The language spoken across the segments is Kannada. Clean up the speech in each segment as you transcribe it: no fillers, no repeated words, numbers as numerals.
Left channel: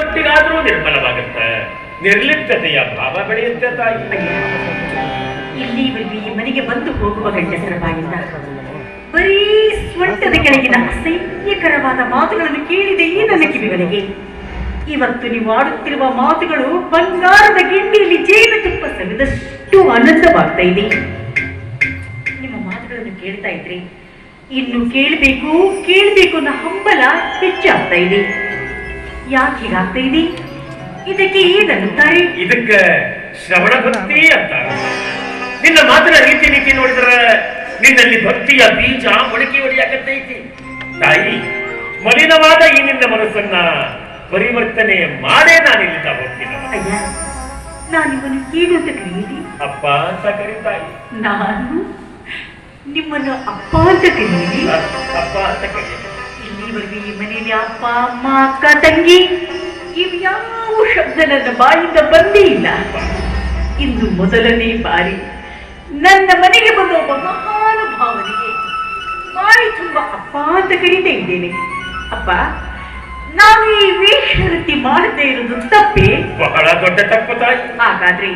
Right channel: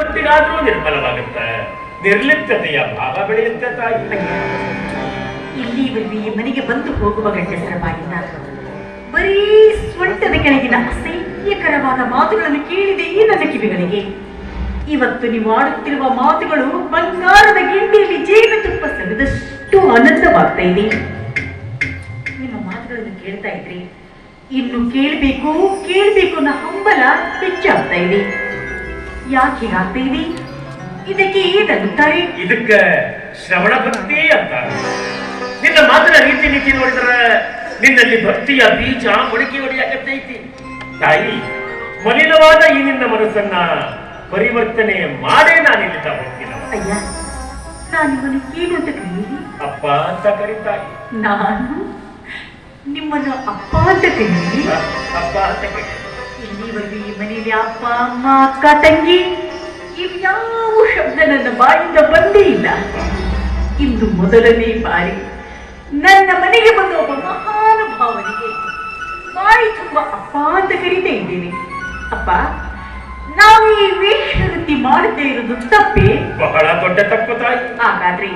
ಮಟ್ಟಿಗಾದ್ರೂ ನಿರ್ಮಲವಾಗುತ್ತೆ. ನಿರ್ಲಿಪ್ತತೆಯ ಭಾವ ಬೆಳೆಯುತ್ತೆ ತಾಯಿ. ಇಲ್ಲಿವರೆಗೆ ಈ ಮನೆಗೆ ಬಂದು ಹೋಗುವ ಗಂಡಸರ ಬಾಯಿಂದ ಬರೀ ಸ್ವಂಟದ ಕೆಳಗಿನ ಅಸಹ್ಯಕರವಾದ ಮಾತುಗಳನ್ನು ಕೇಳಿದೆ ಈ ನನ್ನ ಕಿವಿಗಳಿಗೆ. ಇವತ್ತು ನೀವು ಆಡುತ್ತಿರುವ ಮಾತುಗಳು ಬಂಗಾರದ ಗಿಂಡಿಯಲ್ಲಿ ಜೇನುತುಪ್ಪ ಸವಿದಷ್ಟು ಆನಂದವಾಗ್ತಾ ಇದೆ. ನಿಮ್ಮ ಮಾತುಗಳನ್ನು ಕೇಳ್ತಾ ಇದ್ರಿ ಇನ್ನು ಕೇಳಬೇಕು ಕೇಳಬೇಕು ಅನ್ನೋ ಹಂಬಲ ಹೆಚ್ಚಾಗ್ತಾ ಇದೆ. ಯಾಕೆ ಹೀಗಾಗ್ತಾ ಇದೆ? ಇದಕ್ಕೆ ಏನನ್ನುತ್ತಾರೆ? ಇದಕ್ಕೆ ಶ್ರವಣ ಭಕ್ತಿ ಅಂತಾರೆ. ನಿನ್ನ ಮಾತಿನ ರೀತಿ ನೀತಿ ನೋಡಿದ್ರೆ ನಿನ್ನಲ್ಲಿ ಭಕ್ತಿಯ ಬೀಜ ಮೊಳಕೆ ಹೊಡೆಯಾಗತ್ತೈತಿ ತಾಯಿ. ಮಲಿನವಾದ ಈ ನಿನ್ನ ಮನಸ್ಸನ್ನ ಪರಿವರ್ತನೆ ಮಾಡೇ ನಾನಿಲ್ಲಿಂದ ಹೋಗ್ತೀನಿ. ಅಯ್ಯ, ನಾನಿವನು ಏನು ಅಂತ ಕರೆಯಿರಿ? ಅಪ್ಪ ಅಂತ ಕರೀತಾಯಿ. ನಾನು ನಿಮ್ಮನ್ನು ಅಪ್ಪ ಅಂತ ಕರೆಯಿರಿ? ಅಪ್ಪ ಅಂತ ಕರೀ. ಇಲ್ಲಿವರೆಗೂ ಈ ಮನೆಯಲ್ಲಿ ಅಪ್ಪ ಅಮ್ಮ ಅಕ್ಕ ತಂಗಿ ಇವ್ಯಾವ ಶಬ್ದ ನನ್ನ ಬಾಯಿಂದ ಬಂದೇ ಇಲ್ಲ. ಇಂದು ಮೊದಲನೇ ಬಾರಿ ನನ್ನ ಮನೆಗೆ ಬಂದ ಒಬ್ಬ ಮಹಾನುಭಾವನಿಗೆ ಬಾಯಿ ತುಂಬಾ ಅಪ್ಪ ಅಂತ ಕರೀತಾ ಇದ್ದೇನೆ. ಅಪ್ಪ, ನಾವು ಈ ವೇಷವೃತ್ತಿ ಮಾಡದೇ ಇರುವುದು ತಪ್ಪೇ? ಬಹಳ ದೊಡ್ಡ ತಪ್ಪು ತಾಯಿ. ಹಾಗಾದ್ರೆ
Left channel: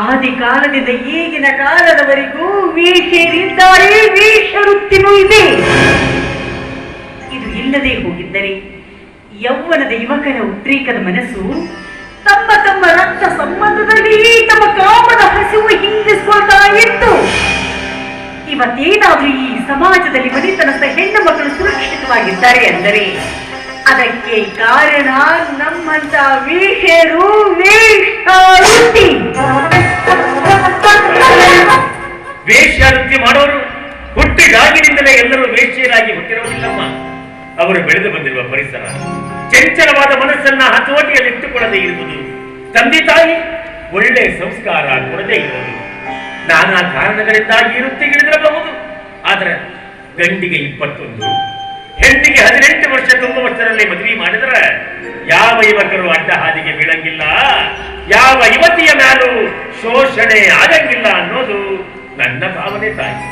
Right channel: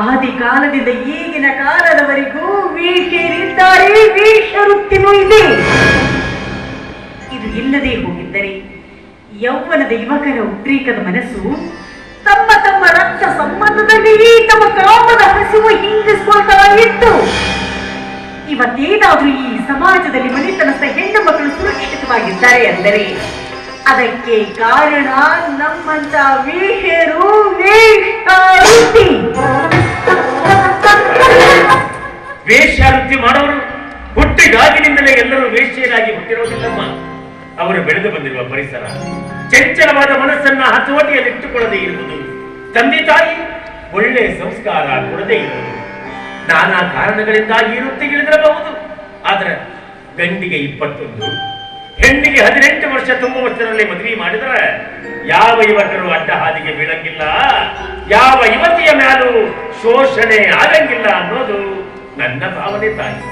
ಆದಿ ಕಾಲದಿಂದ ಈಗಿನ ಕಾಲದವರೆಗೂ ವೇಷರಿದ್ದಾರೆ, ವೇಷವೃತ್ತಿನೂ ಇದೆ. ಇದು ಇಲ್ಲದೆ ಹೋಗಿದ್ದರೆ ಯೌವನದ ಯುವಕರ ಉದ್ರೇಕದ ಮನಸ್ಸು ತಮ್ಮ ತಮ್ಮ ರಕ್ತ ಸಂಬಂಧದಲ್ಲಿ ತಮ್ಮ ಕಾಮದ ಹಸಿವು ಹಿಂಗಿಸ್ಕೊಳ್ತಾ ಇತ್ತು. ಇವತ್ತೇನಾದ್ರೂ ಈ ಸಮಾಜದಲ್ಲಿ ಮನೆತನದ ಹೆಣ್ಣು ಮಕ್ಕಳು ಸುರಕ್ಷಿತವಾಗಿದ್ದಾರೆ ಅಂದರೆ ಅದಕ್ಕೆ ಕಾರಣ ನಮ್ಮಂತ ವೇಷರು, ವೇಷವೃತ್ತಿ. ವೇಷವೃತ್ತಿ ಮಾಡೋರು ಹುಟ್ಟಿದಾಗಿನಿಂದಲೇ ಎಲ್ಲರೂ ವೇಶ್ಯರಾಗಿ ಹುಟ್ಟಿರೋದಿಲ್ಲಮ್ಮ. ಅವರು ಬೆಳೆದು ಬಂದಿರುವ ಪರಿಸರ ಚಂಚಲವಾದ ಮನಸ್ಸನ್ನ ಹತೋಟಿಯಲ್ಲಿಟ್ಟುಕೊಳ್ಳದೆ ಇರುವುದು, ತಂದೆ ತಾಯಿ ಒಳ್ಳೆ ಸಂಸ್ಕಾರ ಕೊಡದೇ ಇರುವುದು, ನಾನಾ ಕಾರಣಗಳಿಂದಾಗಿ ಈ ವೃತ್ತಿಗಿಳಿದಿರಬಹುದು. ಆದ್ರೆ ಗಂಡಿಗೆ 21, ಹೆಣ್ಣಿಗೆ 18 ವರ್ಷ ತುಂಬುವಷ್ಟರಲ್ಲಿ ಮದುವೆ ಮಾಡಿದ್ರೆ ಯಾವ ಯುವಕರು ಅಡ್ಡ ಹಾದಿಗೆ ಬೀಳಂಗಿಲ್ಲ, ಯಾವ ಯುವತಿಯ ಮೇಲೂ ಶೋಷಣೆ ಆಗಂಗಿಲ್ಲ ಅನ್ನೋದು ನನ್ನ ಭಾವನೆ ತಾಯಿ.